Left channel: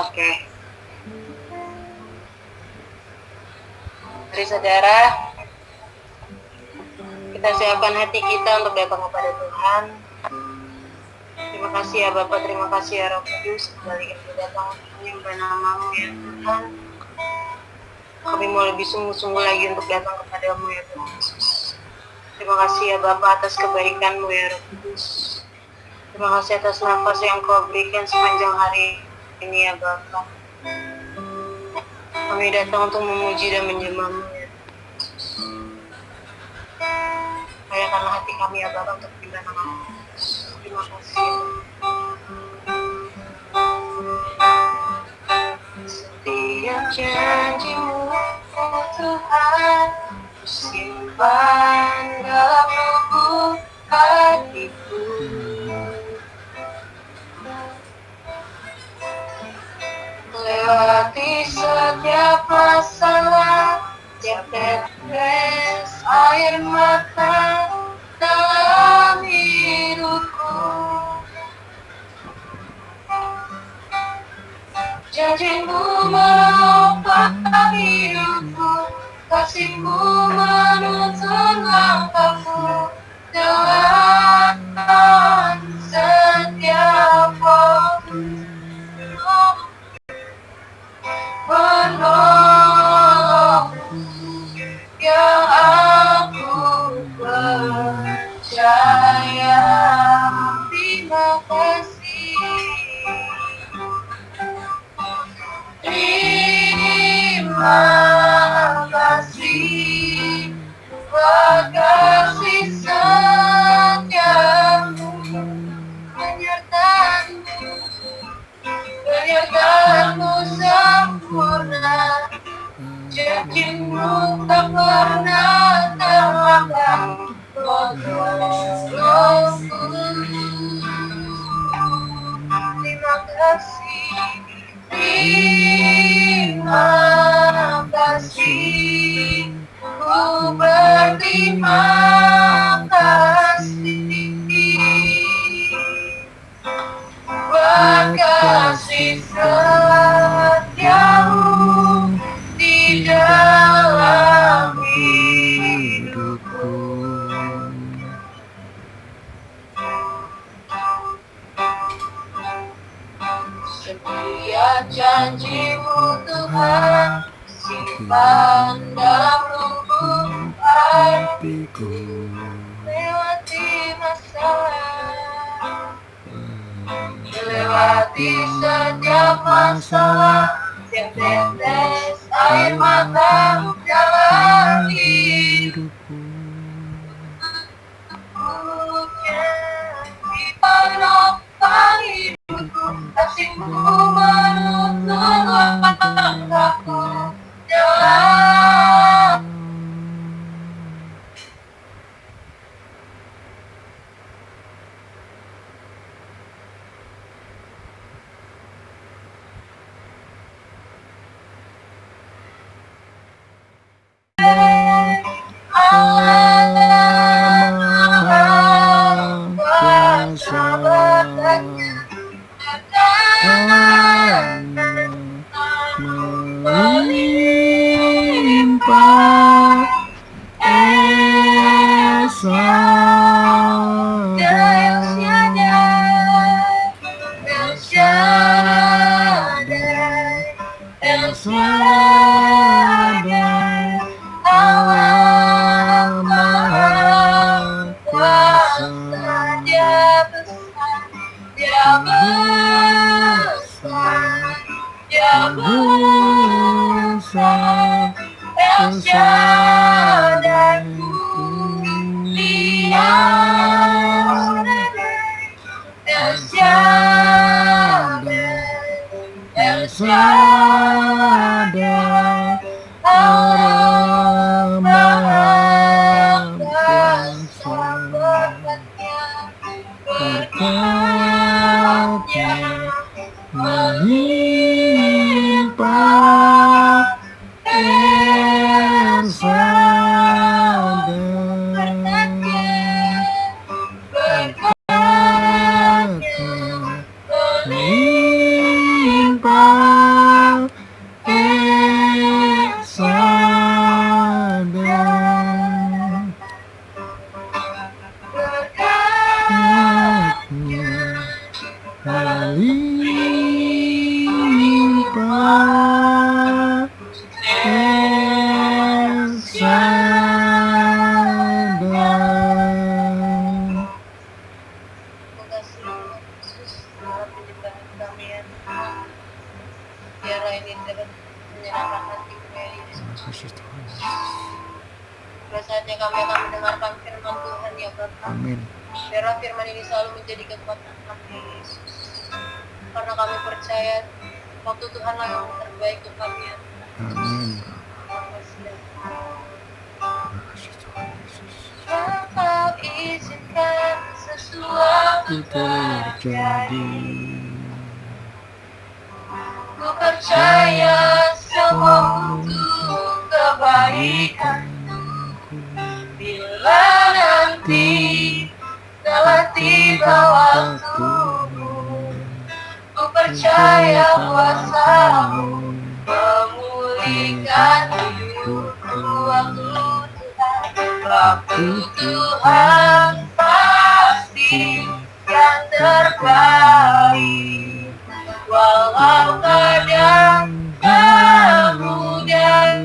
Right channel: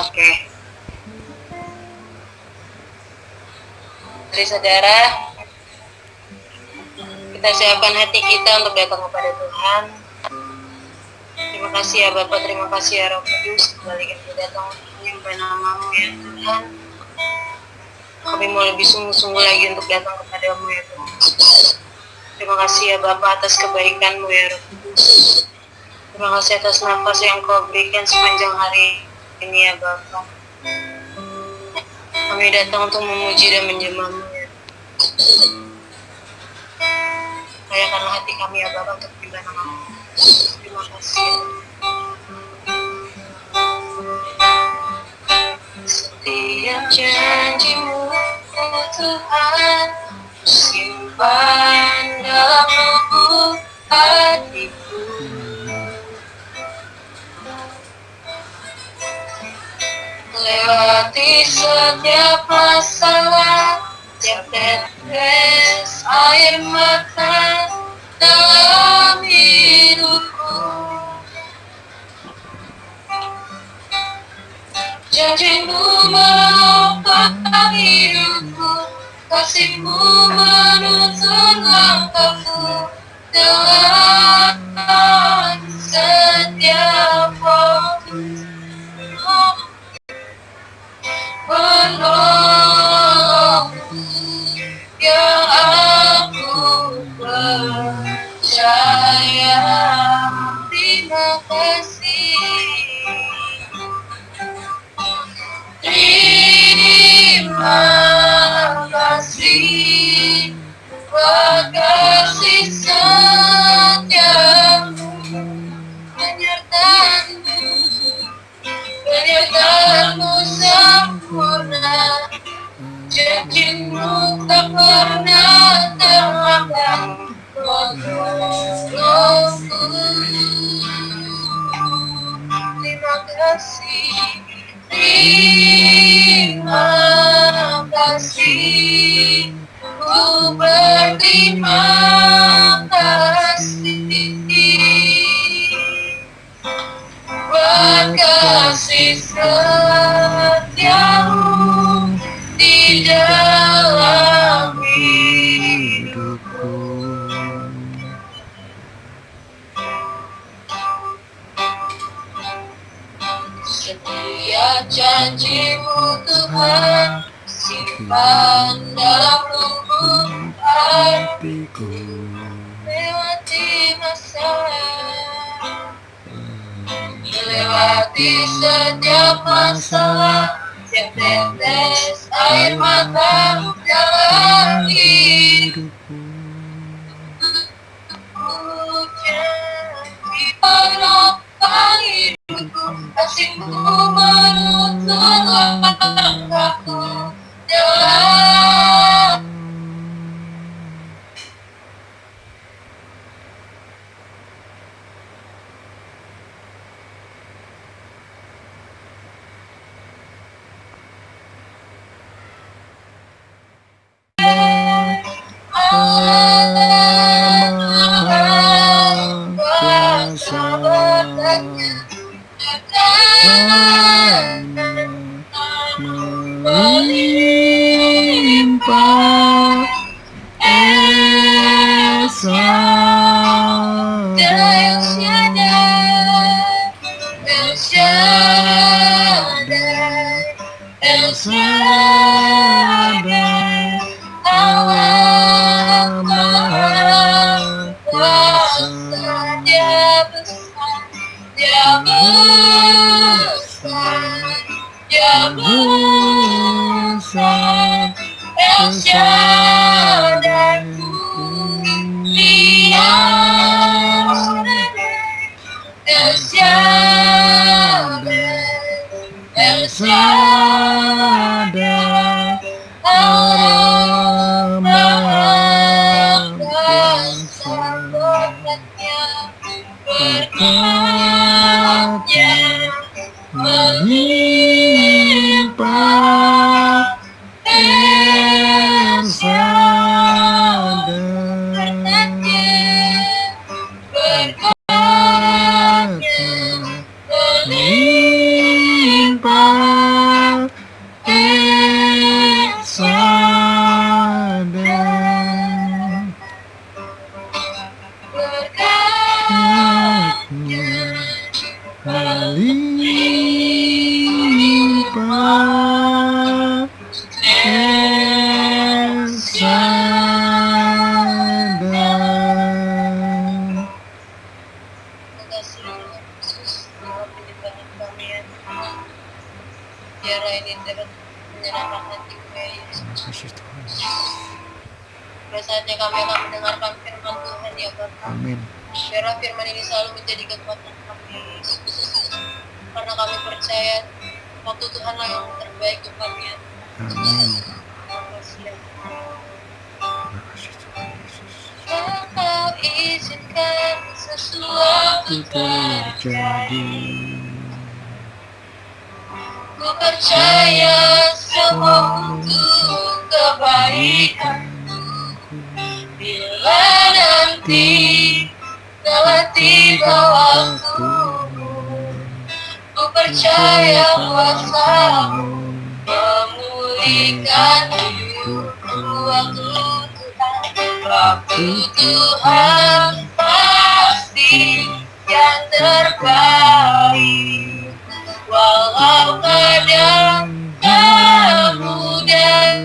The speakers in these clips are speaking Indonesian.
Oke. Jadi saudara, kita siapkan hati kita untuk datang kepada Tuhan. Terima kasih ya Bapak, terima kasih ya Roh Kudus, kembali kami datang untuk menyembah nama-Mu ya Tuhan. Kami mau lebih sungguh-sungguh lagi untuk datang kepadamu ya Tuhan Yesus. Terima kasih ya Bapak atas kebaikan-Mu ya Roh Kudus. Terima kasih atas nafas yang Kau berikan sepanjang hari ini ya Bapak. Kami datang untuk memuji dan menyembah-Mu ya Yesus. Layakanlah hati kami ya Bapak untuk menyembah nama-Mu. Terima kasih. Setiap janji-Mu Tuhan, simpan dalam lubuk hatiku. Lewati setiap masalah, setiap tetes air mata dalam hidupku. Janji-Mu menopang hidupku, kasih-Mu menuntun langkahku dalam setiap waktu. Menolongku yang aku percaya. Terima kasih. Terima kasih buat kasih setiamu, penyertaan-Mu sempurna. Janji-Mu tak pernah terlambat menolongku. Terima kasih. Terima kasih, ku berterima kasih buat kasih setiamu di dalam hidupku. Setiap janji-Mu Tuhan, simpan dalam lubuk hatiku. Lewati masalah, lewati setiap masalah, setiap tetes air mata dalam hidupku. Janji menopang hidupku, kasih-Mu menuntun langkahku dalam. Melimpah Esa El Shaddai, Allah Maha Kuasa. Dia besar, Dia besar, El Shaddai, Dia El Shaddai, El Shaddai, Allah Maha Kuasa. Berkatnya melimpah El Shaddai. Berkatnya melimpah Ya Yesus. Terima kasih Tuhan. Pada saatnya kami akan mendengarkan firman Tuhan ya Bapa. Amin. Biarlah firman ini selalu menjadi kekuatan kami ya Yesus. Karena kami percaya waktu Tuhan lah yang terbaik untuk kami ya Tuhan. Amin. Terima kasih ya Tuhan. Terima kasih Tuhan Yesus. Engkau izinkan sesuatu terjadi. Ku percaya semua untuk kebaikan. Bila nanti telah tiba waktumu, ku percaya kuasa-Mu memulihkan hidupku. Waktu Tuhan pasti yang terbaik. Walau kadang tak mudah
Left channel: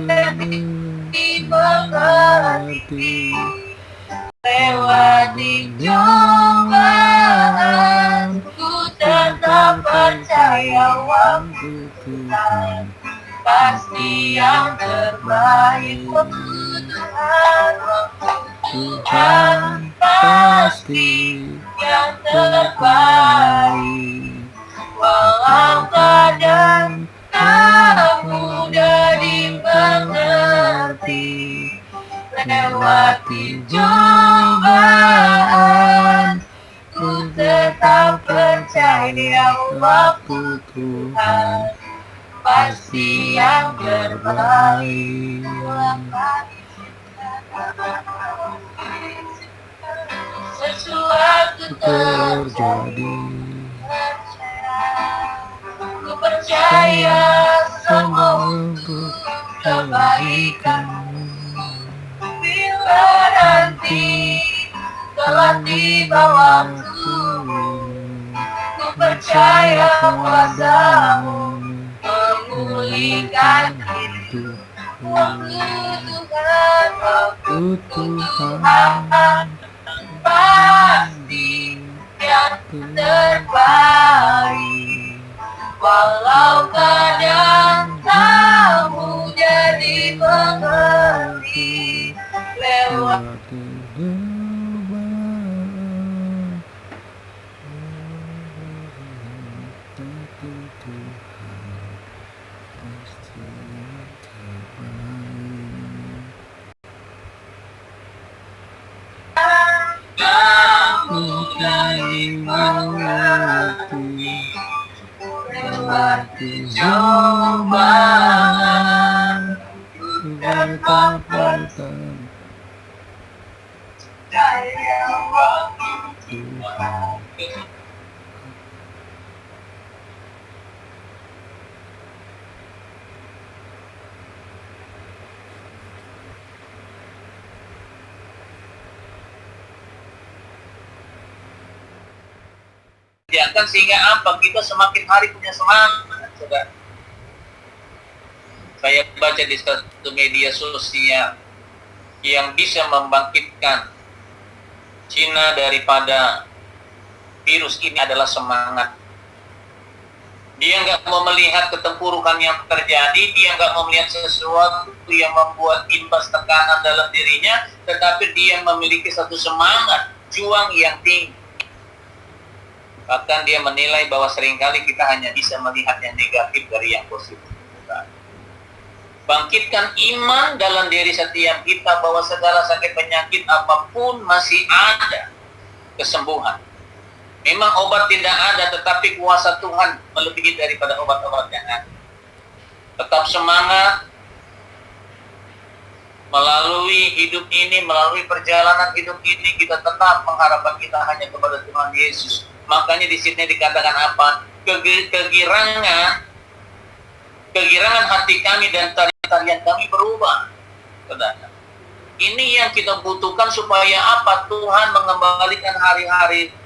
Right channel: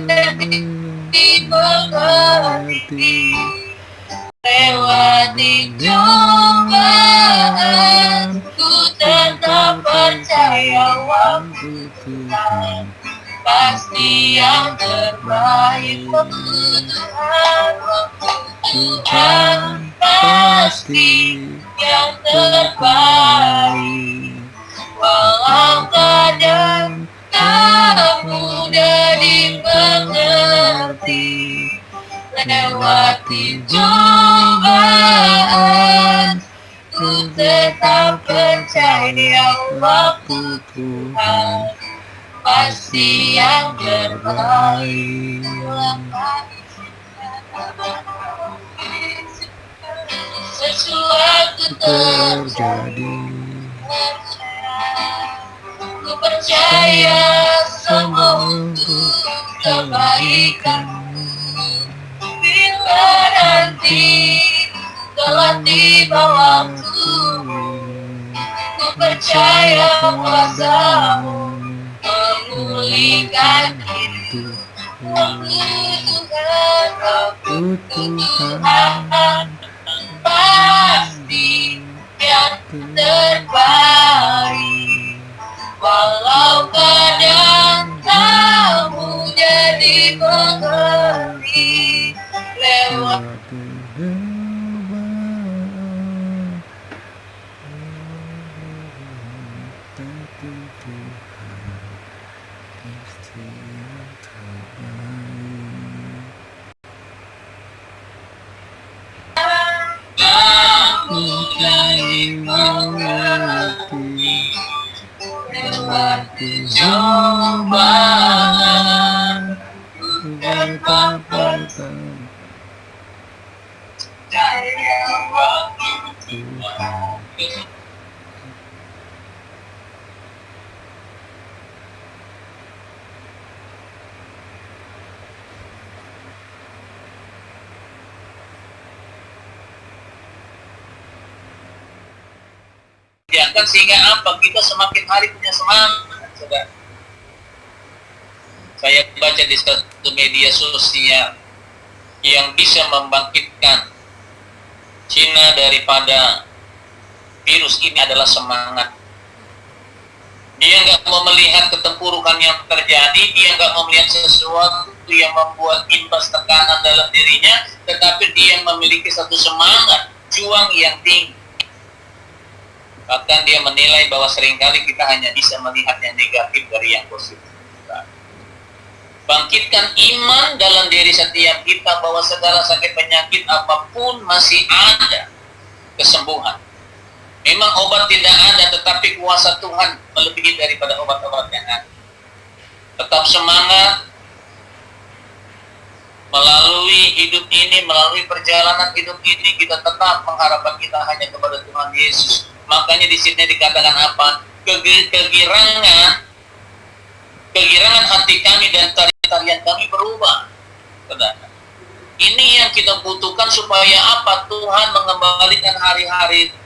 dimengerti, lewati cobaan, ku tetap percaya waktu Tuhan pasti yang terbaik. Waktu Tuhan pasti yang terbaik. Walau kadang tak mudah dimengerti, lewati cobaan, ku tetap percaya waktu Tuhan pasti yang terbaik. Sesuatu terjadi, ku percaya semua untuk kebaikan. Bila nanti telah tiba waktu, ku percaya kuasa-Mu memulihkan hidupku. Waktu Tuhan pasti yang terbaik. Walau kadang tak mudah dimengerti, lewati cobaan, tapi Tuhan pasti yang terbaik. Bukan mengerti, lewati cobaan, tetap bertahan Tuhan. Diangkat sehingga apa? Kita semakin hari punya semangat, saudara. Saya baca di satu media sosial yang bisa membangkitkan Cina daripada virus ini adalah semangat. Dia nggak mau melihat ketempurukan yang terjadi, dia nggak mau melihat sesuatu yang membuat imbas tekanan dalam dirinya, tetapi dia memiliki satu semangat, juang yang tinggi. Bahkan dia menilai bahwa seringkali kita hanya bisa melihat yang negatif dari yang positif. Bangkitkan iman dalam diri setiap kita bahwa segala sakit penyakit apapun masih ada kesembuhan. Memang obat tidak ada, tetapi kuasa Tuhan melebihi daripada obat-obat yang ada. Tetap semangat melalui hidup ini, melalui perjalanan hidup ini, kita tetap mengharapkan kita hanya kepada Tuhan Yesus. Makanya di sini dikatakan apa? Kegirangan hati kami dan tarian kami berubah. Saudara. Ini yang kita butuhkan supaya apa? Tuhan mengembalikan hari-hari.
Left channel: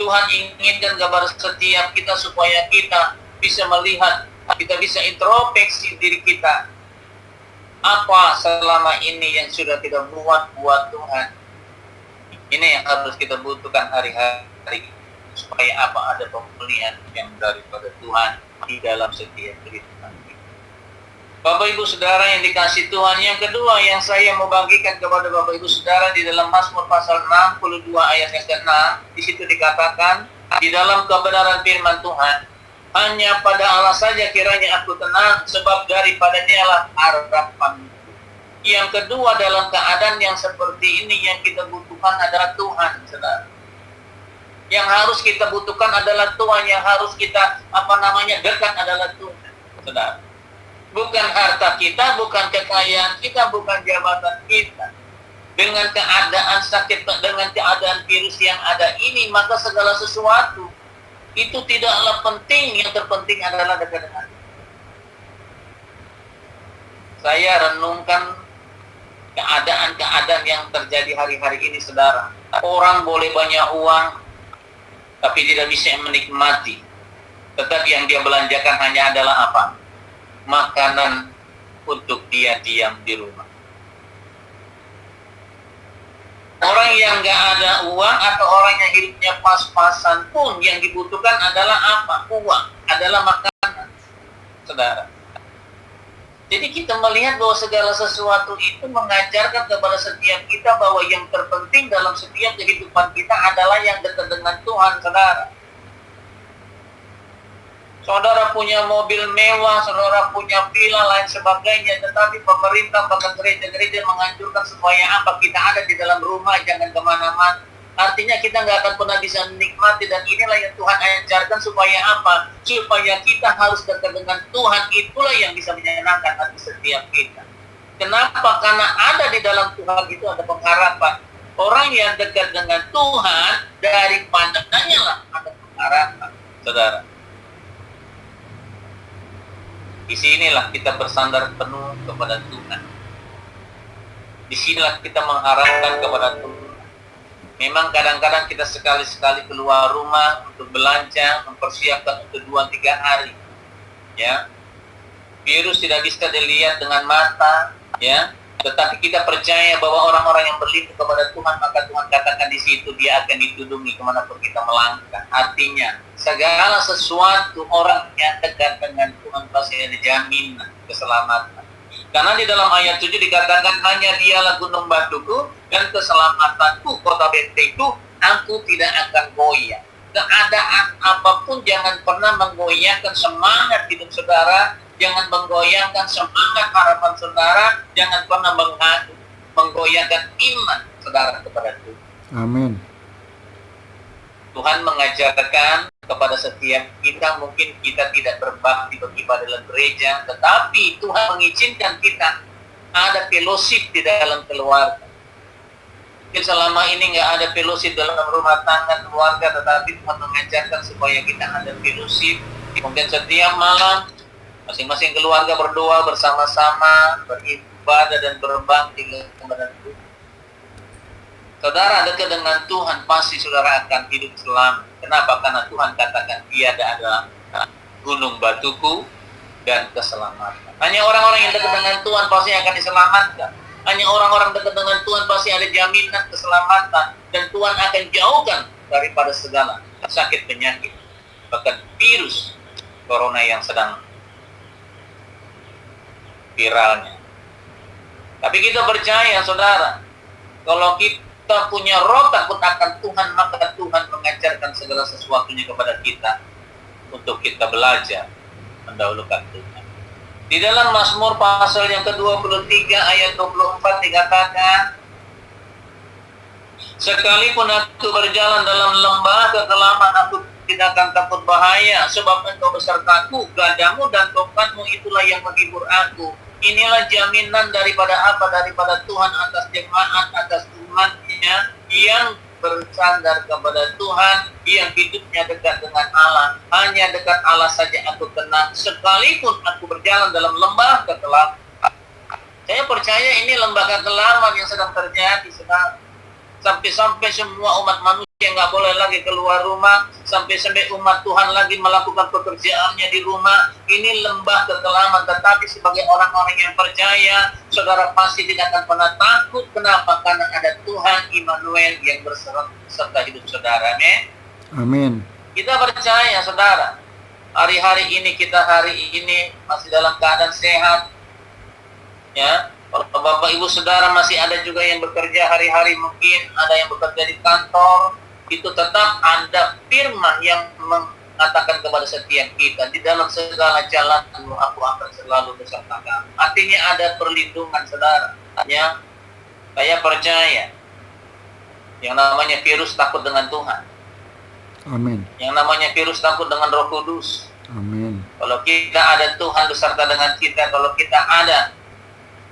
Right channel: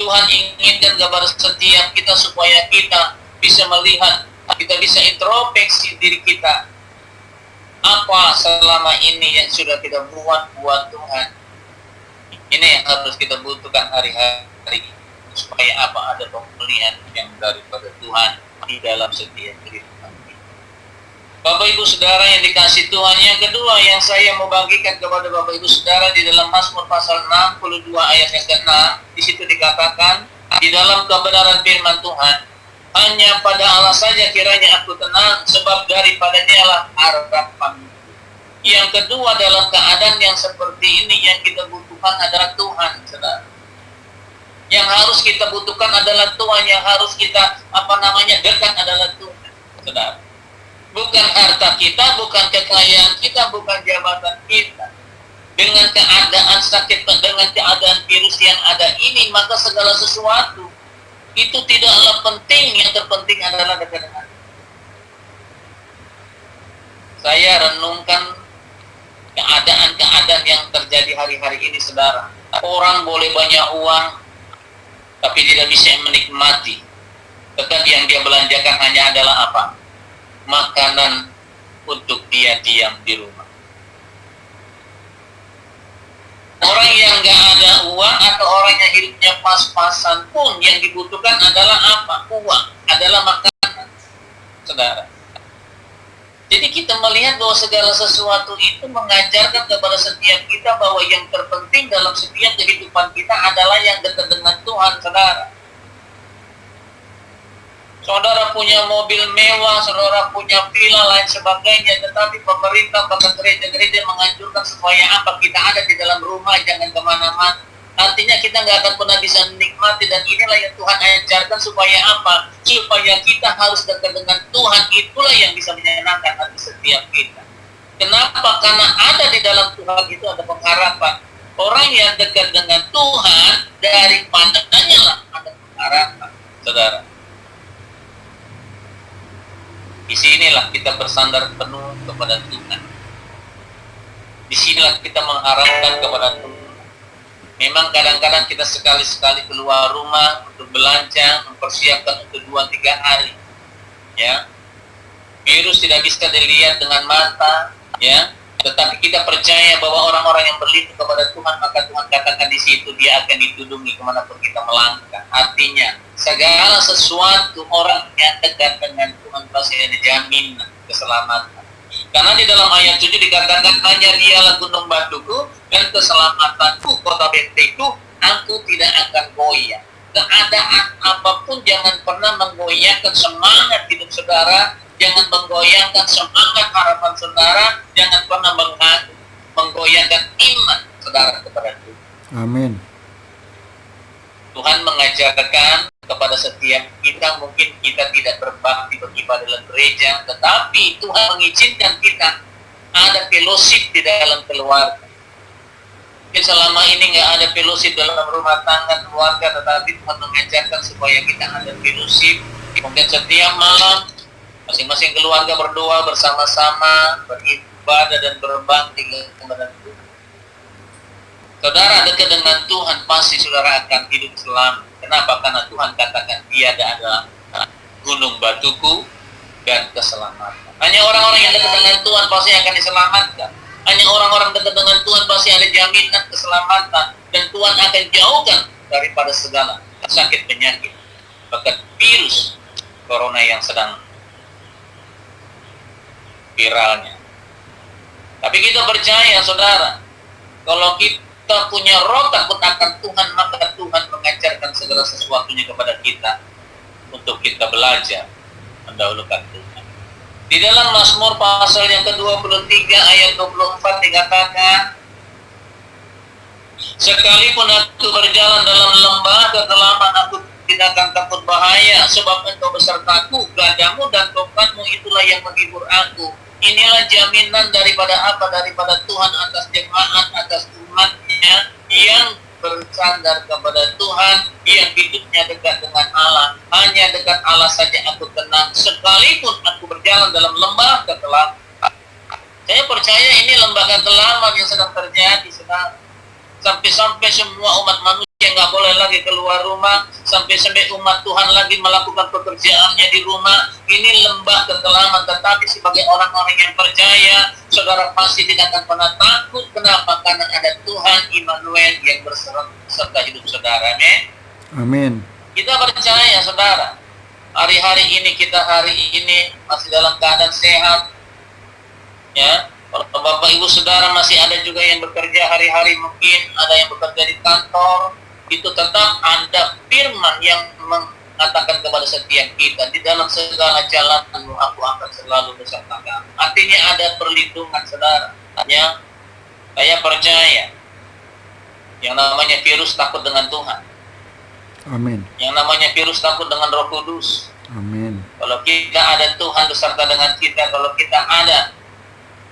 Tuhan inginkan kepada setiap kita supaya kita bisa melihat, kita bisa introspeksi diri kita. Apa selama ini yang sudah kita buat Tuhan? Ini yang harus kita butuhkan hari-hari supaya apa? Ada pemulihan yang daripada Tuhan di dalam setiap kehidupan kita. Bapak Ibu Saudara yang dikasih Tuhan, yang kedua yang saya mau bagikan kepada Bapak Ibu Saudara di dalam Mazmur pasal 62 ayat yang ke-6, di situ dikatakan, di dalam kebenaran firman Tuhan, hanya pada Allah saja kiranya aku tenang, sebab daripadanya lah harapan. Yang kedua, dalam keadaan yang seperti ini yang kita butuhkan adalah Tuhan, Saudara. Yang harus kita butuhkan adalah Tuhan, yang harus kita dekat adalah Tuhan, Saudara. Bukan harta kita, bukan kekayaan kita, bukan jabatan kita. Dengan keadaan sakit, dengan keadaan virus yang ada ini, maka segala sesuatu itu tidaklah penting. Yang terpenting adalah dekat dengan Tuhan. Saya renungkan keadaan-keadaan yang terjadi hari-hari ini, Saudara. Orang boleh banyak uang, tapi tidak bisa menikmati. Tetap yang dia belanjakan hanya adalah apa? Makanan untuk dia diam di rumah. Orang yang nggak ada uang atau orang yang hidupnya pas-pasan pun yang dibutuhkan adalah apa? Uang, adalah makanan, Saudara. Jadi kita melihat bahwa segala sesuatu itu mengajarkan kepada setiap kita bahwa yang terpenting dalam setiap kehidupan kita adalah yang dekat dengan Tuhan, Saudara. Saudara punya mobil mewah, saudara punya villa, lain sebagainya, tetapi pemerintah bahkan gereja-gereja menganjurkan supaya apa? Kita ada di dalam rumah, jangan kemana-mana. Artinya kita nggak akan pernah bisa menikmati, dan inilah yang Tuhan ajarkan supaya apa? Supaya kita harus dekat dengan Tuhan, itulah yang bisa menyenangkan hati setiap kita. Kenapa? Karena ada di dalam Tuhan itu ada pengharapan. Orang yang dekat dengan Tuhan, dari pandangannya lah ada pengharapan, Saudara. Di sinilah kita bersandar penuh kepada Tuhan. Di sinilah kita mengharapkan kepada Tuhan. Memang kadang-kadang kita sekali-sekali keluar rumah untuk belanja, mempersiapkan untuk 2-3 hari. Ya. Virus tidak bisa dilihat dengan mata, ya. Tetapi kita percaya bahwa orang-orang yang berlindung kepada Tuhan, maka Tuhan katakan di situ dia akan ditudungi kemanapun kita melangkah. Artinya, segala sesuatu orang yang dekat dengan Tuhan pasti ada jaminan keselamatan. Karena di dalam ayat 7 dikatakan, hanya dialah gunung batuku dan keselamatanku, kota bentengku, aku tidak akan goyah. Keadaan apapun jangan pernah menggoyahkan semangat hidup saudara, jangan menggoyahkan semangat harapan saudara, jangan pernah menggoyahkan iman saudara kepada Tuhan. Amin. Tuhan mengajarkan kepada setiap kita, mungkin kita tidak berbakti beribadah dalam gereja, tetapi Tuhan mengizinkan kita ada fellowship di dalam keluarga. Mungkin selama ini nggak ada fellowship dalam rumah tangga keluarga, tetapi Tuhan mengajarkan supaya kita ada fellowship. Mungkin setiap malam masing-masing keluarga berdoa bersama-sama, beribadah dan berbakti kepada Tuhan. Saudara dekat dengan Tuhan, pasti saudara akan hidup selamat. Kenapa? Karena Tuhan katakan tiada adalah gunung batuku dan keselamatan. Hanya orang-orang yang dekat dengan Tuhan pasti akan diselamatkan. Hanya orang-orang dekat dengan Tuhan pasti ada jaminan keselamatan. Dan Tuhan akan jauhkan daripada segala sakit penyakit, bahkan virus corona yang sedang viralnya. Tapi kita percaya, saudara, kalau kita punya roh takut akan Tuhan, maka Tuhan mengajarkan segala sesuatunya kepada kita untuk kita belajar mendahulukan Tuhan. Di dalam Mazmur pasal yang ke-23 ayat 24 dikatakan, sekalipun aku berjalan dalam lembah kegelapan, aku tidak akan takut bahaya, sebab Engkau besertaku, gadamu dan tongkatmu itulah yang menghibur aku. Inilah jaminan daripada apa? Daripada Tuhan atas jemaat, atas umatnya yang bersandar kepada Tuhan, yang hidupnya dekat dengan Allah. Hanya dekat Allah saja aku tenang, sekalipun aku berjalan dalam lembah kegelapan. Saya percaya ini lembah kegelapan yang sedang terjadi sekarang. Sampai-sampai semua umat manusia nggak boleh lagi keluar rumah, sampai-sampai umat Tuhan lagi melakukan pekerjaannya di rumah. Ini lembah kegelapan, tetapi sebagai orang-orang yang percaya, saudara pasti tidak akan pernah takut. Kenapa? Karena ada Tuhan Immanuel yang berserta hidup saudara. Amin. Kita percaya, saudara, hari-hari ini kita masih dalam keadaan sehat, Ya, kalau Bapak Ibu Saudara masih ada juga yang bekerja hari-hari, mungkin ada yang bekerja di kantor, itu tetap ada firman yang mengatakan kepada setiap kita, di dalam segala jalanmu aku akan selalu beserta kamu. Artinya ada perlindungan, saudara. Ya, saya percaya yang namanya virus takut dengan Tuhan. Amin. Yang namanya virus takut dengan Roh Kudus. Amin. Kalau kita ada Tuhan beserta dengan kita, kalau kita ada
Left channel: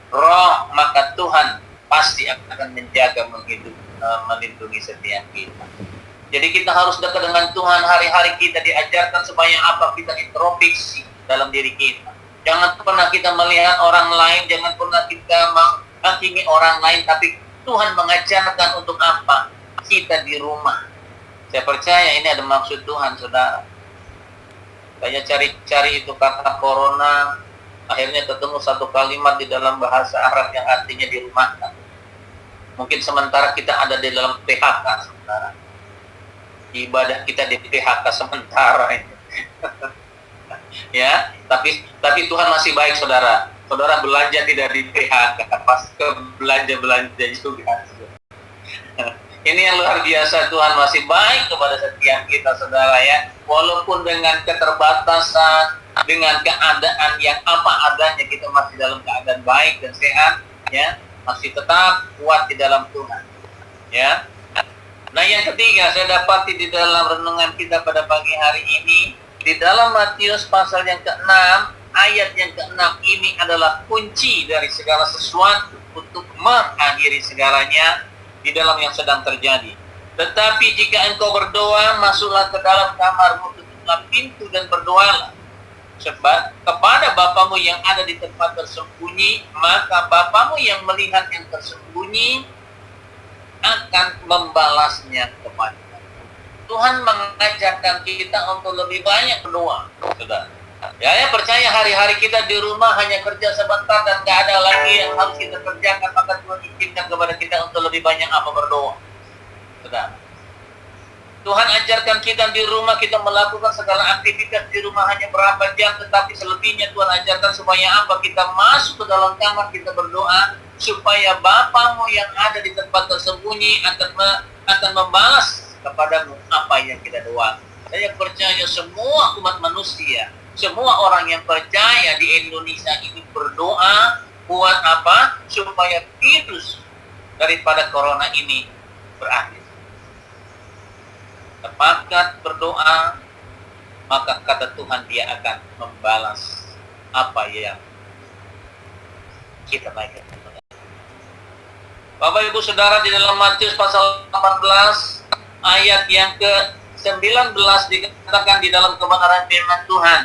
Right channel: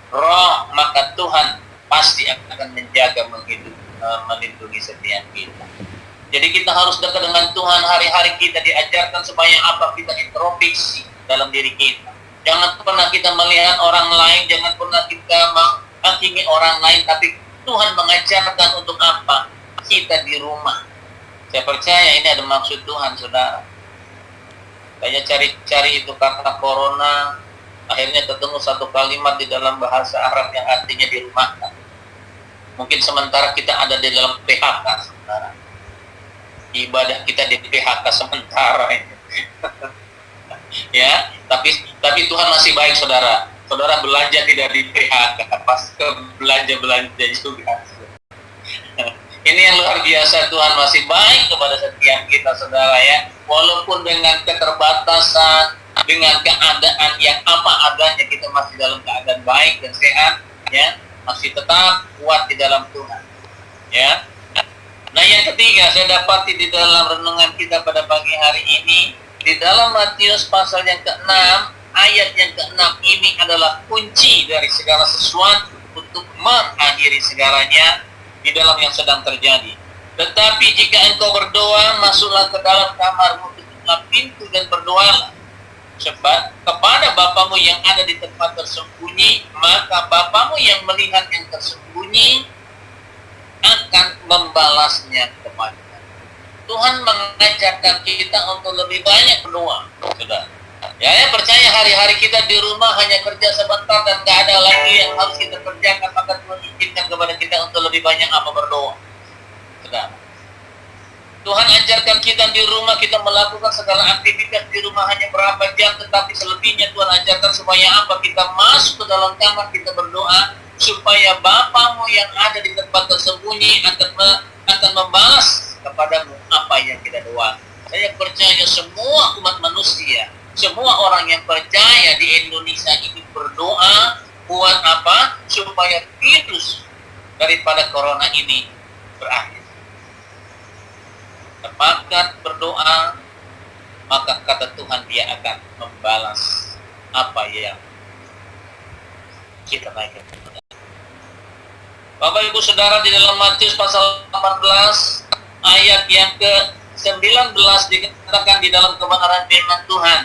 Roh, maka Tuhan pasti akan menjaga, melindungi setiap kita. Jadi kita harus dekat dengan Tuhan. Hari-hari kita diajarkan supaya apa? Kita introspeksi dalam diri kita. Jangan pernah kita melihat orang lain, jangan pernah kita menghakimi orang lain, tapi Tuhan mengajarkan untuk apa? Kita di rumah. Saya percaya ini ada maksud Tuhan, saudara. Saya cari-cari itu kata corona, akhirnya ketemu satu kalimat di dalam bahasa Arab yang artinya dirumahkan. Mungkin sementara kita ada di dalam PHK, saudara. Ibadah kita di PHK sementara ini. Ya, tapi Tuhan masih baik, saudara. Saudara belanja tidak di PHK, pas ke belanja juga. Ini yang luar biasa, Tuhan masih baik kepada setiap kita, saudara, ya. Walaupun dengan keterbatasan, dengan keadaan yang apa adanya, kita masih dalam keadaan baik dan sehat, ya. Masih tetap kuat di dalam Tuhan, ya. Nah, yang ketiga saya dapati di dalam renungan kita pada pagi hari ini, di dalam Matius pasal yang ke-6, ayat yang ke-6 ini adalah kunci dari segala sesuatu untuk mengakhiri segalanya di dalam yang sedang terjadi. Tetapi jika engkau berdoa, masuklah ke dalam kamarmu, tutuplah pintu dan berdoalah. Sebab kepada Bapamu yang ada di tempat tersembunyi, maka Bapamu yang melihat yang tersembunyi akan membalasnya kepada. Tuhan mengajarkan kita untuk lebih banyak berdoa, saudara. Ya, percaya hari-hari kita di rumah hanya kerja sebentar dan gak ada lagi yang harus kita kerjakan, maka Tuhan izinkan kepada kita untuk lebih banyak apa? Berdoa, saudara. Tuhan ajarkan kita di rumah, kita melakukan segala aktivitas di rumah hanya berapa jam, tetapi selebihnya Tuhan ajarkan supaya apa? Kita masuk ke dalam kamar, kita berdoa, supaya Bapamu yang ada di tempat tersembunyi akan membalas kepadamu apa yang kita doakan. Saya percaya semua umat manusia, semua orang yang percaya di Indonesia ini berdoa buat apa? Supaya virus daripada corona ini berakhir. Sepakat berdoa, maka kata Tuhan Dia akan membalas apa yang kita naikkan. Bapak Ibu Saudara, di dalam Matius pasal 18 ayat yang ke-19 dikatakan di dalam kebenaran firman Tuhan,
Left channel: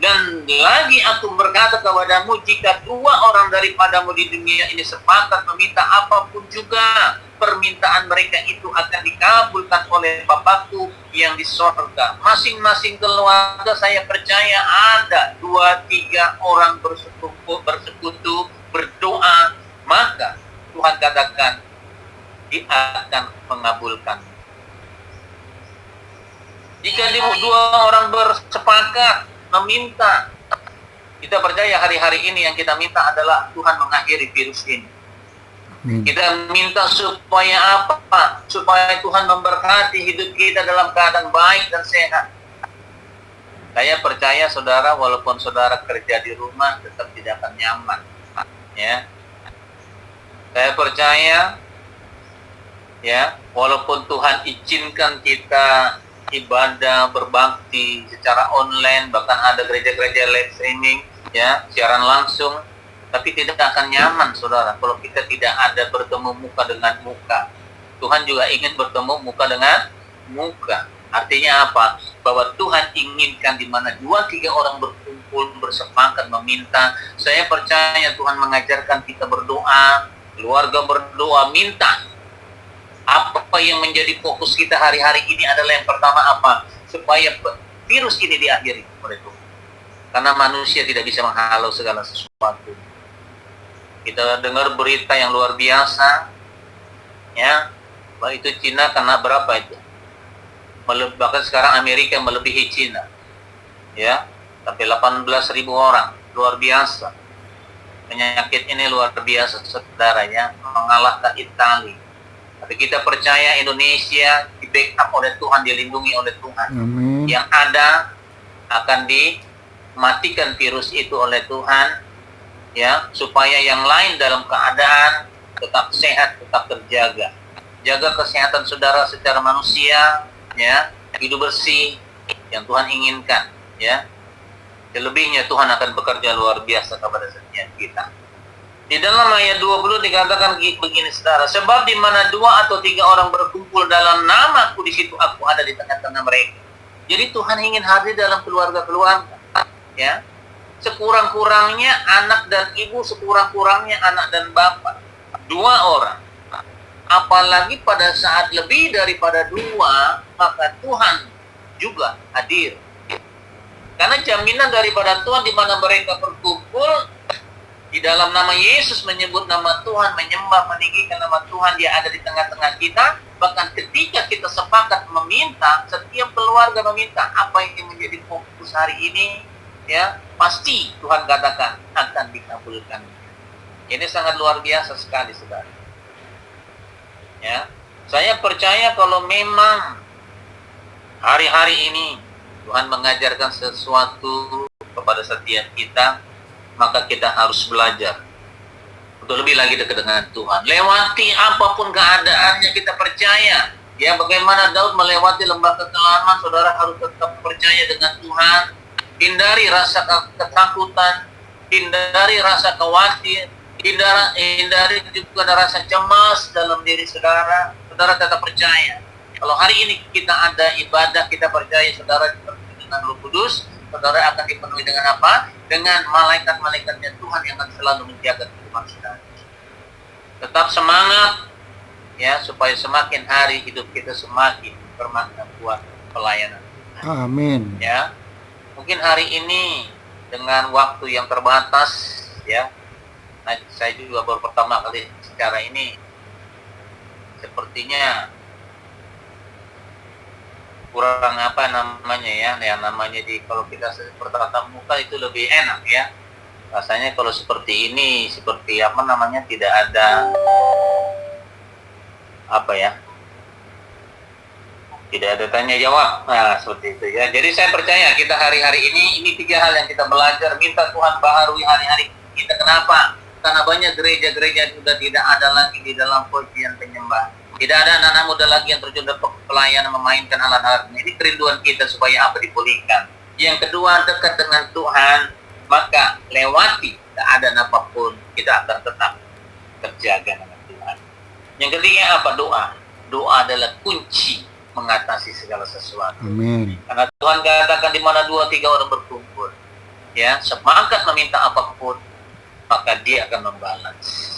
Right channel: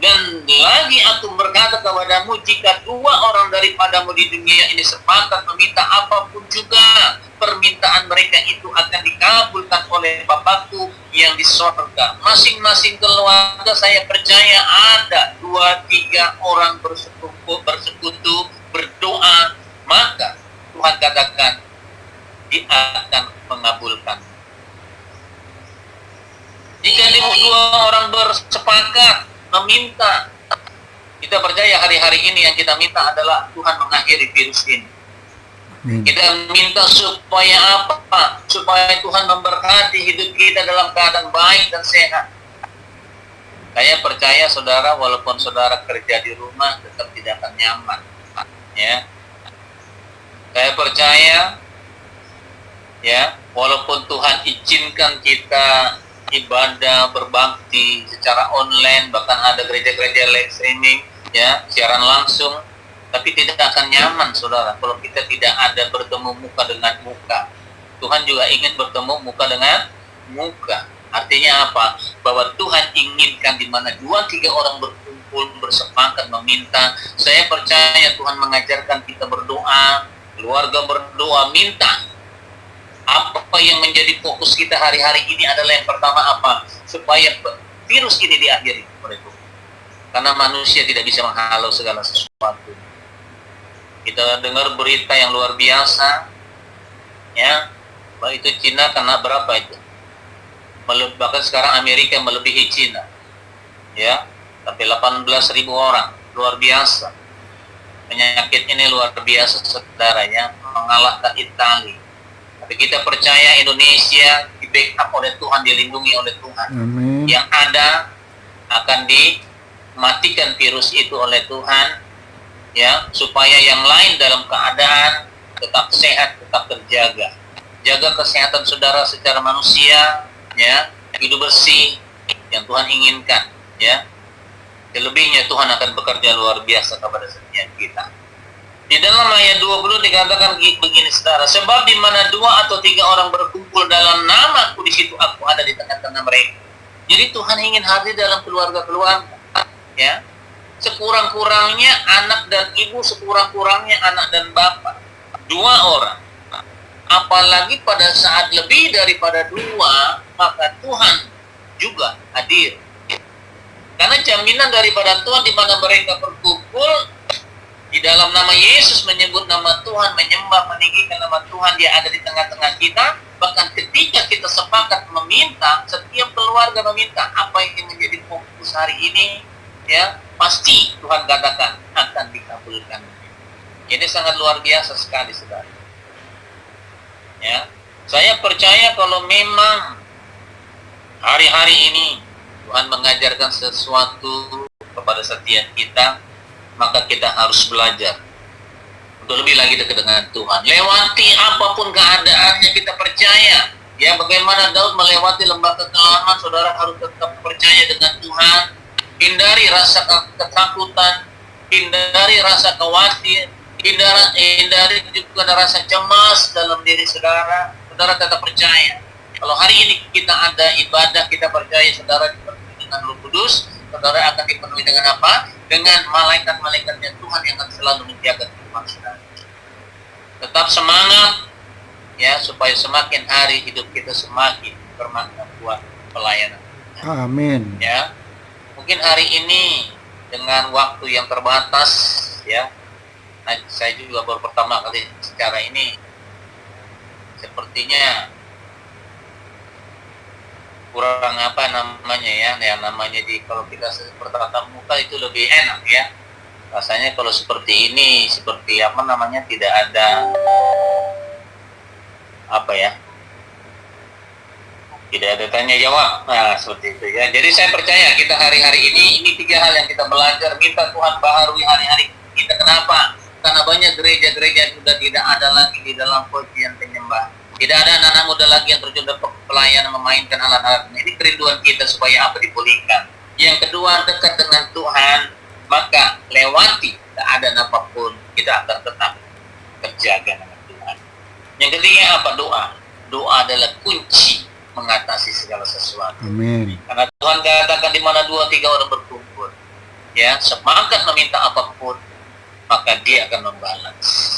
dan lagi aku berkata kepadamu, jika 2 orang daripadamu di dunia ini sepakat meminta apapun juga, permintaan mereka itu akan dikabulkan oleh Bapakku yang di sorga. Masing-masing keluarga saya percaya ada 2-3 orang bersekutu berdoa, maka Tuhan katakan Dia akan mengabulkan. Jika 2 orang bersepakat meminta, kita percaya hari-hari ini yang kita minta adalah Tuhan mengakhiri virus ini. Kita minta supaya apa? Supaya Tuhan memberkati hidup kita dalam keadaan baik dan sehat. Saya percaya saudara, walaupun saudara kerja di rumah tetap tidak akan nyaman, ya. Saya percaya, ya, walaupun Tuhan izinkan kita ibadah berbakti secara online, bahkan ada gereja-gereja live streaming, ya, siaran langsung, tapi tidak akan nyaman, saudara, kalau kita tidak ada bertemu muka dengan muka. Tuhan juga ingin bertemu muka dengan muka. Artinya apa? Bahwa Tuhan inginkan di mana 2-3 orang berkumpul, bersepakat meminta. Saya percaya Tuhan mengajarkan kita berdoa, keluarga berdoa, minta. Apa yang menjadi fokus kita hari-hari ini adalah yang pertama apa? Supaya virus ini diakhiri oleh Tuhan. Karena manusia tidak bisa menghalau segala sesuatu. Kita dengar berita yang luar biasa, ya, bahwa itu Cina kena berapa itu? Bahkan sekarang Amerika melebihi Cina, ya, sampai 18.000 orang, luar biasa. Penyakit ini luar biasa, saudara, ya, mengalahkan Italia. Tapi kita percaya Indonesia di backup oleh Tuhan, dilindungi oleh Tuhan. Amin. Yang ada akan dimatikan virus itu oleh Tuhan, ya, supaya yang lain dalam keadaan tetap sehat, tetap terjaga. Jaga kesehatan saudara secara manusia, ya, hidup bersih yang Tuhan inginkan, ya. Selebihnya Tuhan akan bekerja luar biasa kepada setiap kita. Di dalam ayat 20 dikatakan begini, saudara, sebab di mana 2 atau 3 orang berkumpul dalam namaku, di situ aku ada di tengah-tengah mereka. Jadi Tuhan ingin hadir dalam keluarga-keluarga, ya. Sekurang-kurangnya anak dan ibu, sekurang-kurangnya anak dan bapak. 2 orang. Apalagi pada saat lebih daripada 2, maka Tuhan juga hadir. Karena jaminan daripada Tuhan di mana mereka berkumpul di dalam nama Yesus, menyebut nama Tuhan, menyembah, meninggikan nama Tuhan, Dia ada di tengah-tengah kita. Bahkan ketika kita sepakat meminta, setiap keluarga meminta apa yang menjadi fokus hari ini, ya, pasti Tuhan katakan akan dikabulkan. Ini sangat luar biasa sekali, saudara. Ya, saya percaya kalau memang hari-hari ini Tuhan mengajarkan sesuatu kepada setiap kita, maka kita harus belajar untuk lebih lagi dekat dengan Tuhan. Lewati apapun keadaannya, kita percaya. Ya, bagaimana Daud melewati lembah kekelaman, saudara harus tetap percaya dengan Tuhan. Hindari rasa ketakutan, hindari rasa khawatir, hindari juga rasa cemas dalam diri saudara. Saudara tetap percaya. Kalau hari ini kita ada ibadah, kita percaya saudara dipenuhi dengan Roh Kudus, saudara akan dipenuhi dengan apa? Dengan malaikat-malaikatnya Tuhan yang akan selalu menjaga kehidupan saudara. Tetap semangat, ya, supaya semakin hari hidup kita semakin bermakna buat pelayanan. Amin. Ya, mungkin hari ini dengan waktu yang terbatas, ya, nah, saya juga baru pertama kali secara ini, sepertinya kurang apa namanya, ya, yang namanya kalau kita bertatap muka itu lebih enak, ya. Rasanya kalau seperti ini, seperti apa namanya, tidak ada apa, ya, tidak ada tanya jawab. Nah, seperti itu, ya. Jadi saya percaya kita hari-hari ini 3 hal yang kita belajar. Minta Tuhan baharui hari-hari kita. Kenapa? Karena banyak gereja-gereja sudah tidak ada lagi di dalam pujian penyembah. Tidak ada anak-anak muda lagi yang terjun dalam pelayanan memainkan alat-alat. Ini kerinduan kita supaya apa? Dipulihkan. Yang kedua, dekat dengan Tuhan, maka lewati keadaan apapun, kita akan tetap terjaga dengan Tuhan. Yang ketiga apa? Doa. Doa adalah kunci mengatasi segala sesuatu. Amin. Karena Tuhan katakan di mana 2-3 orang berkumpul, ya, semangat meminta apapun, maka Dia akan membalas.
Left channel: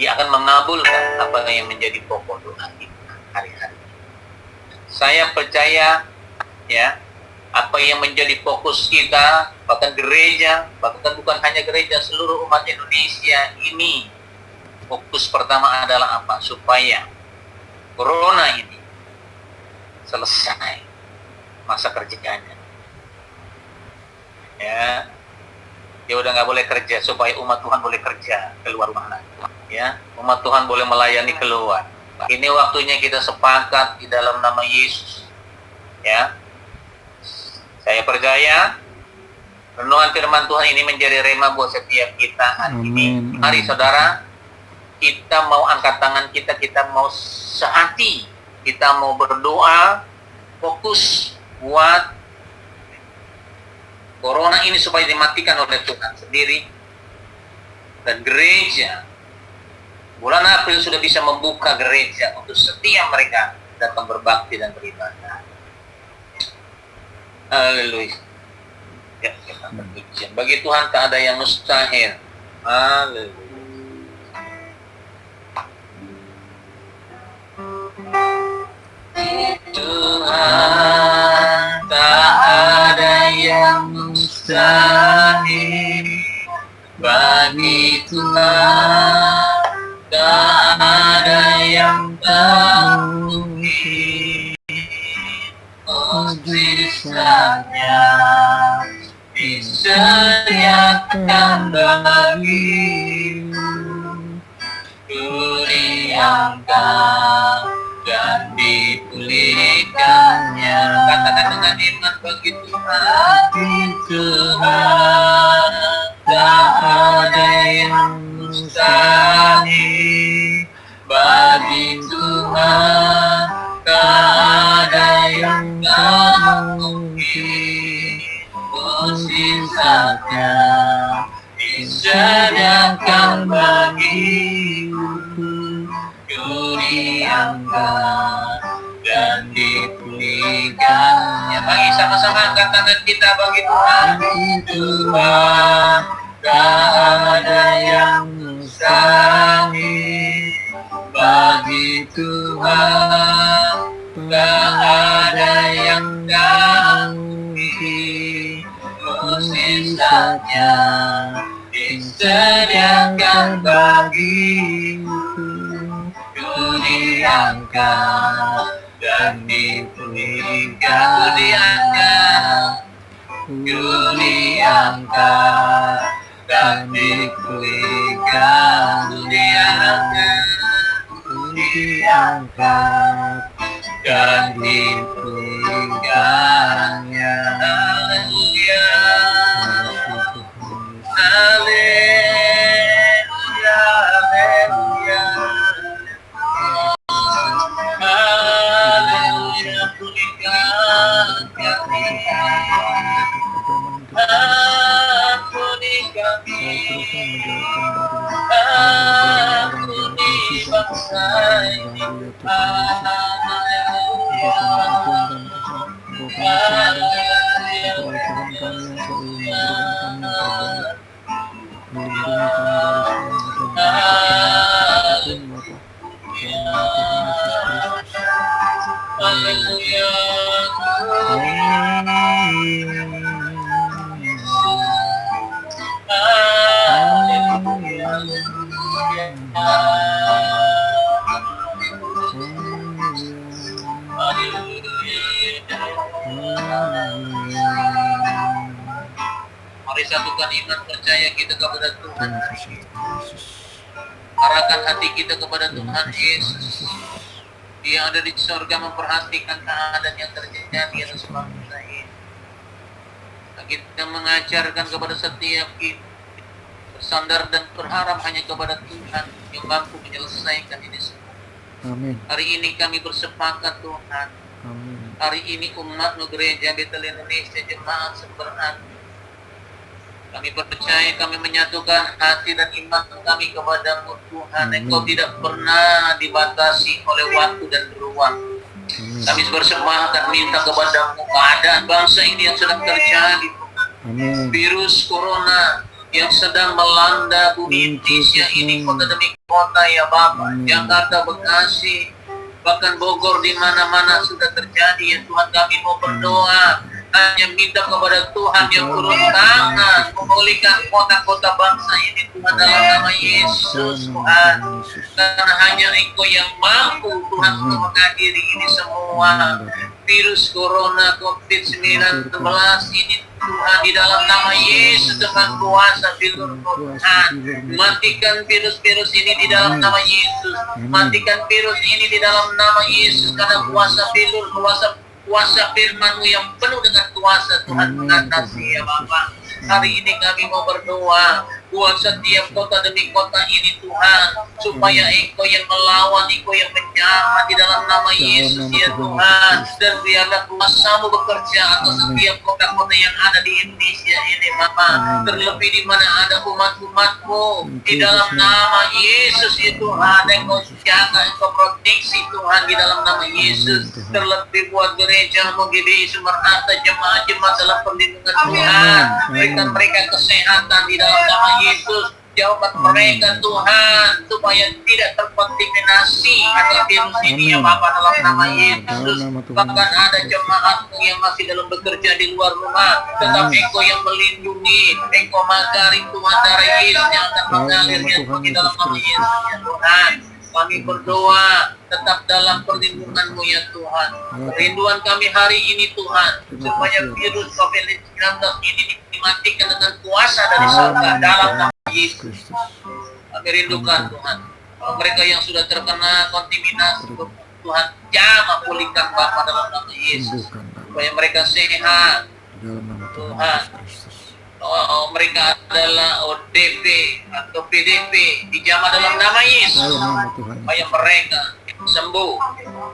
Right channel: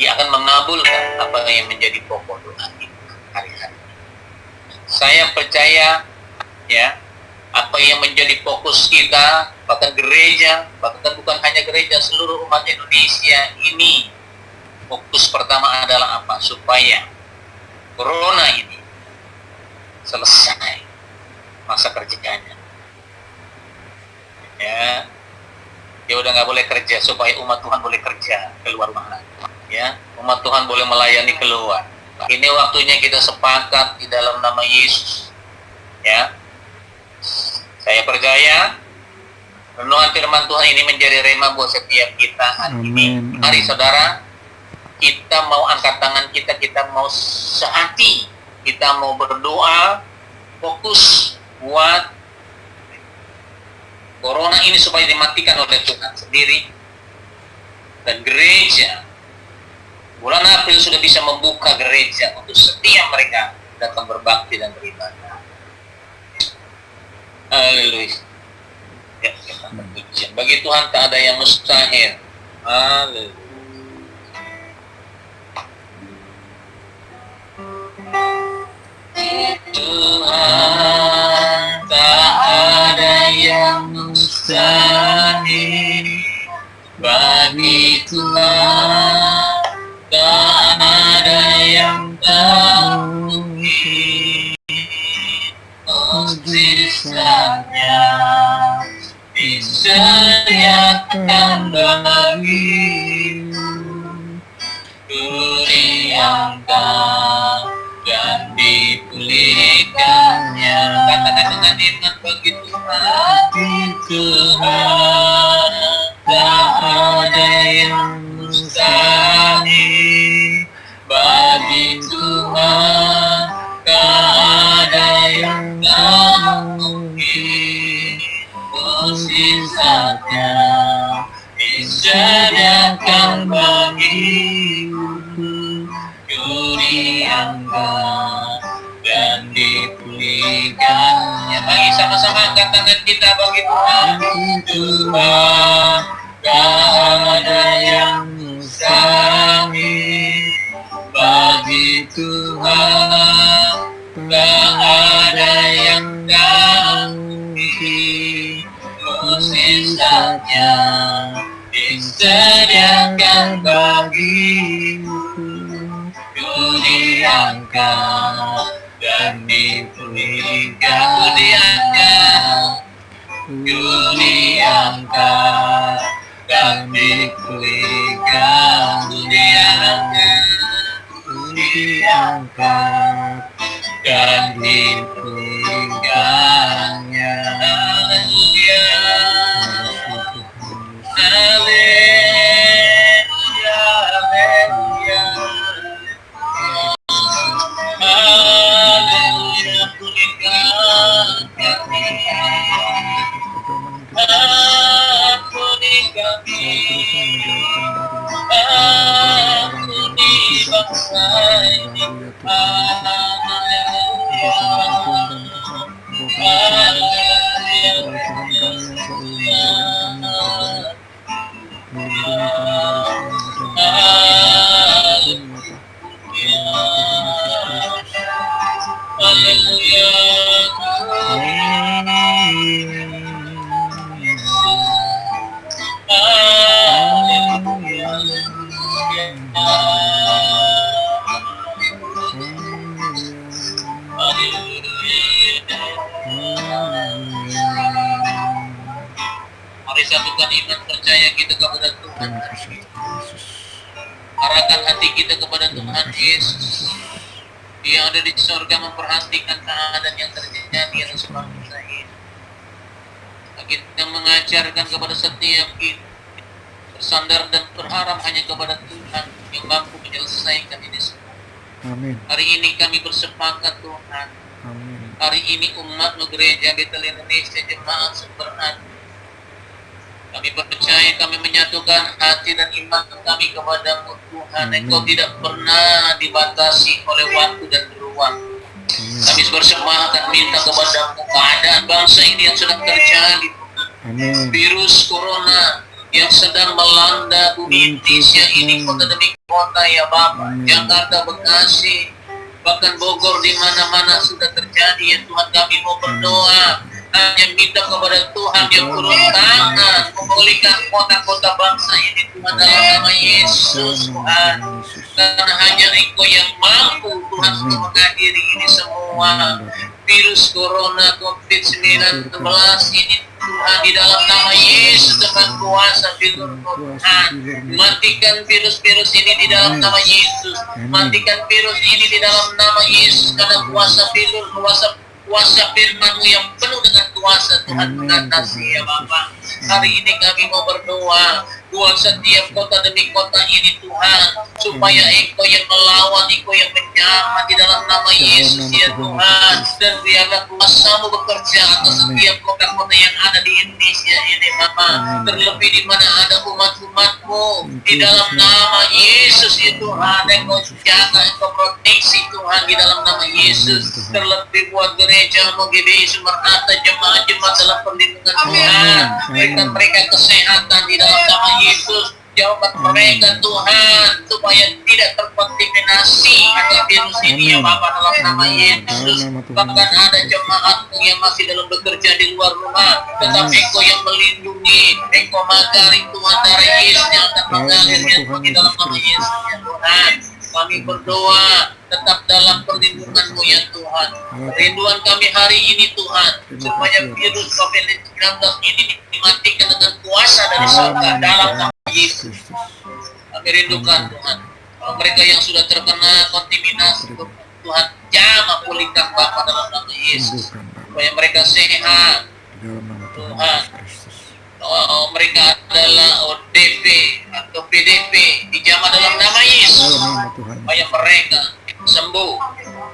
Dia akan mengabulkan apa yang menjadi pokok doa kita hari-hari. Saya percaya, ya, apa yang menjadi fokus kita, bahkan gereja, bahkan bukan hanya gereja, seluruh umat Indonesia ini, fokus pertama adalah apa? Supaya corona ini selesai masa kerjanya. Ya, dia udah nggak boleh kerja, supaya umat Tuhan boleh kerja keluar rumah lagi. Ya, umat Tuhan boleh melayani keluar. Ini waktunya kita sepakat di dalam nama Yesus. Ya, saya percaya renungan firman Tuhan ini menjadi rema buat setiap kita hari ini. Mari saudara, kita mau angkat tangan kita mau sehati, kita mau berdoa, fokus buat corona ini supaya dimatikan oleh Tuhan sendiri. Dan gereja bulan April sudah bisa membuka gereja untuk setiap mereka datang berbakti dan beribadah. Haleluya. Ya, kita berpujian. Bagi Tuhan tak ada yang mustahil. Haleluya. Tuhan tak ada yang mustahil. Bagi Tuhan tak ada yang tak mungkin. Mujizatnya disediakan bagi diangkat dan dipulihkannya. Katakan dengan iman, bagi Tuhan tak ada yang mustahil. Bagi Tuhan tak ada yang tak mungkin. Mujizatnya disediakan bagiku, ku diangkat dan dipulihkannya. Mari sama-sama angkat tangan kita bagi Tuhan. Tuhan, tak ada yang mustahil. Bagi Tuhan tak ada yang tak mungkin. Mujizatnya disediakan bagiku, ku diangkat dan dipulihkan. Ku diangkat, ku diangkat dan dipulihkan. Ku diangkat, ku diangkat dan dipulihkannya. Haleluya, haleluya, haleluya, pulihkan kami, ampuni kami, ampuni bangsa ini. Mari satukan iman percaya kita kepada Tuhan. Arahkan hati kita kepada Tuhan Yesus. Dia ada di surga memperhatikan keadaan yang terjadi atas bangsa ini. Kita mengajarkan kepada setiap kita bersandar dan berharap hanya kepada Tuhan yang mampu menyelesaikan ini semua. Amin. Hari ini kami bersepakat Tuhan. Amin. Hari ini umat gereja Betel Indonesia jemaat seberani. Kami percaya, kami menyatukan hati dan iman kami kepada-Mu Tuhan. Amin. Engkau tidak pernah dibatasi oleh waktu dan ruang. Amin. Kami bersepakat minta kepada-Mu keadaan bangsa ini yang sedang terjadi. Amin. Virus corona yang sedang melanda bumi Indonesia ini kota demi kota ya Bapak. Amin. Jakarta, Bekasi, bahkan Bogor, di mana-mana sudah terjadi ya Tuhan. Kami mau berdoa hanya minta kepada Tuhan yang turun tangan memulihkan kota-kota bangsa ini Tuhan dalam nama Yesus Tuhan. Karena hanya Engkau yang mampu Tuhan untuk mengakhiri ini semua virus corona COVID-19 ini Tuhan, di dalam nama Yesus dengan kuasa firman Tuhan. Matikan virus-virus ini di dalam nama Yesus. Matikan virus ini di dalam nama Yesus karena kuasa firman-Mu yang penuh dengan kuasa Tuhan mengatasi ya Bapak. Hari ini kami mau berdoa buat setiap kota demi kota ini Tuhan, supaya Engkau yang melawan, Engkau yang menjahat di dalam nama Yesus ya Tuhan. Dan biarlah kuasa-Mu bekerja atas setiap kota-kota yang ada di Indonesia ini Bapak. Terlebih di mana ada umat-umat-Mu, di dalam nama Yesus ya Tuhan. Engkau jaga, Engkau proteksi Tuhan di dalam nama Yesus. Terlebih buat gereja-Mu GBI Sumerata, jemaat-jemaat dalam perlindungan Tuhan. Berikan mereka kesehatan di dalam nama Yesus. Jawab mereka Tuhan supaya tidak terkontaminasi akan virus ini ya Bapak dalam nama Yesus. Bahkan ada jemaat-Mu yang masih dalam bekerja di luar rumah, tetapi Engkau yang melindungi, Engkau magari Tuhan darah Yesus yang akan mengalir ya Tuhan di dalam nama Yesus ya Tuhan. Kami berdoa tetap dalam perlindungan-Mu ya Tuhan. Rinduan kami hari ini Tuhan, supaya virus COVID-19 ini dimatikan dengan kuasa dari surga dalam nama Yesus. Kami rindukan Tuhan. Mereka yang sudah terkena kontaminasi, Tuhan jamah pulihkan Bapa dalam nama Yesus. Sembuhkan Bapa. Supaya mereka sehat. Di dalam nama Tuhan Tuhan. Yesus Kristus. Mereka adalah ODP atau PDP dijamah dalam nama Yesus. Dalam nama Tuhan Supaya Yesus. mereka sembuh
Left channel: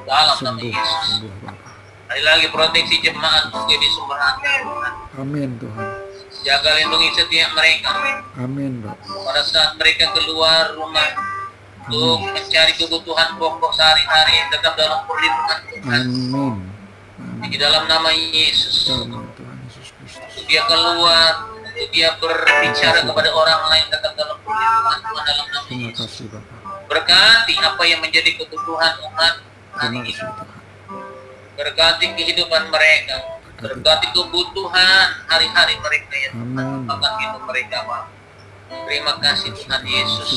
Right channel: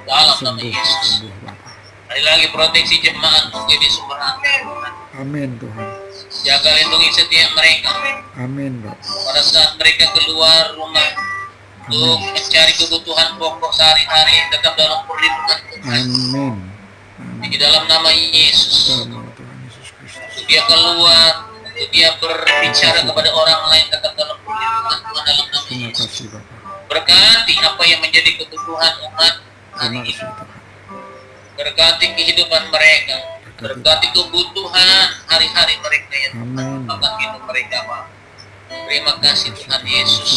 dalam nama Sembuh, Yesus. sembuh Bapa. Sekali lagi proteksi jemaat menjadi sumber hati Tuhan. Amin Tuhan. Jaga lindungi setiap mereka Amin Bapa. pada saat mereka keluar rumah untuk Amin. mencari kebutuhan pokok sehari-hari, tetap dalam perlindungan Tuhan. Amin. Amin. Di dalam nama Yesus. Dalam nama Tuhan Yesus Kristus. Untuk dia keluar, untuk dia berbicara kepada orang lain, tetap dalam perlindungan Tuhan dalam nama Terima Yesus. kasih Bapa. Berkati apa yang menjadi kebutuhan umat Terima hari ini. kasih Tuhan. Berkati kehidupan mereka. Berkati kebutuhan hari-hari mereka yang Amin. makan minum mereka, Pak. Terima kasih Tuhan Yesus.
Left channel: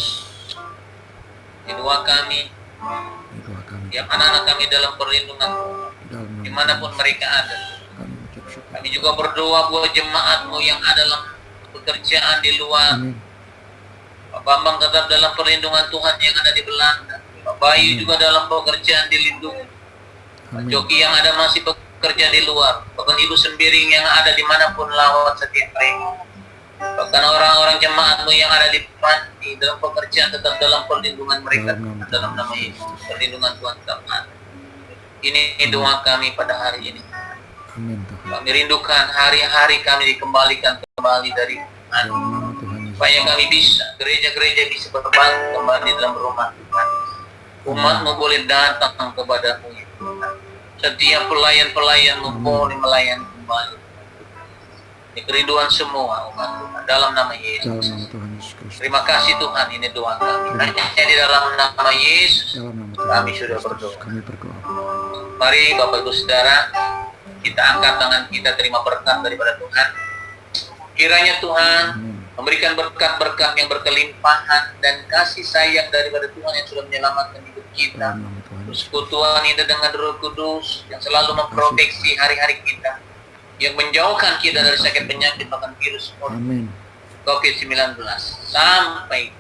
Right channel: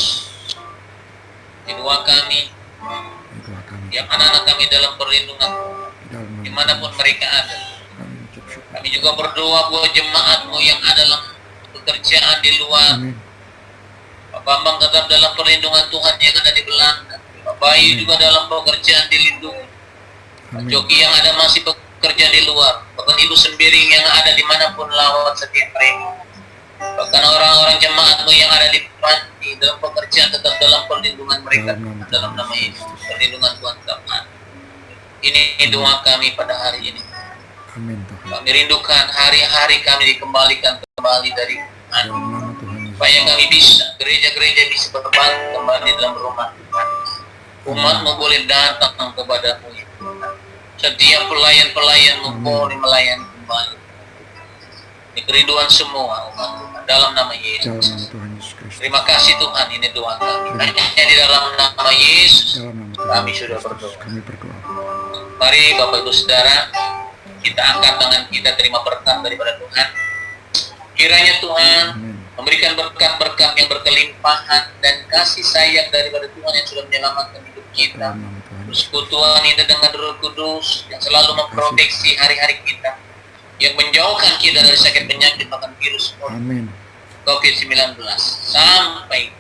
Di doa kami, Di doa kami. tiap anak-anak kami dalam perlindungan Tuhan, Di dalam nama dimanapun Tuhan mereka ada. Yesus. Kami ucap syukur. Kami juga berdoa buat jemaat-Mu yang ada dalam pekerjaan di luar. Amin. Pak Bambang tetap dalam perlindungan Tuhan yang ada di Belanda. Pak Bayu Amin. juga dalam pekerjaan dilindungi. Pak Amin. Joki yang ada masih bekerja di luar. Bahkan Ibu Sembiring yang ada dimanapun lawat setiap mereka. Bahkan orang-orang jemaat-Mu yang ada di panti dalam pekerjaan tetap dalam perlindungan mereka. Dalam nama Dalam Tuhan nama Yesus Yesus. Kristus. Perlindungan Tuhan tetap ada. Ini doa kami pada hari ini. Amin Tuhan. Kami rindukan hari-hari kami dikembalikan kembali dari Tuhan. Dalam nama Tuhan Yesus. Supaya kami bisa, gereja-gereja bisa berbalik kembali dalam rumah Tuhan. Umat-Mu boleh datang kepadamu ya Tuhan. Setiap pelayan-pelayan-Mu Amin. boleh melayani kembali. Ini kerinduan semua umat Tuhan dalam nama Dalam Yesus. nama Tuhan Yesus Kristus. Terima kasih Tuhan, ini doa kami. Hanya di dalam nama Yesus. Dalam nama Tuhan Kami Yesus sudah Kristus. berdoa. Kami berdoa. Mari Bapak Ibu Saudara, kita angkat tangan kita terima berkat daripada Tuhan. Kiranya Tuhan Amin. memberikan berkat-berkat yang berkelimpahan dan kasih sayang daripada Tuhan yang sudah menyelamatkan hidup kita. Dalam nama Tuhan Yesus. Persekutuan ini dengan Roh Kudus yang selalu memproteksi hari-hari kita, yang menjauhkan kita dari sakit penyakit bahkan virus Amin. COVID-19 sampai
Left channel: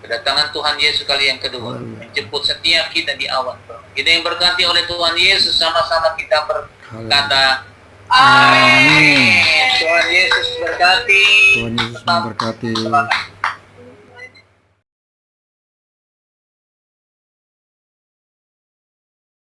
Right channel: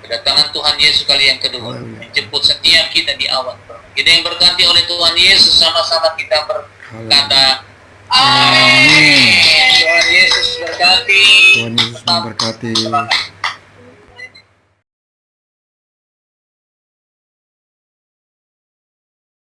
kedatangan Tuhan Yesus kali yang kedua, Haleluya. menjemput setiap kita di awan. Kita yang berkati oleh Tuhan Yesus, sama-sama kita berkata Amin. Tuhan Yesus berkati. Tuhan Yesus memberkati.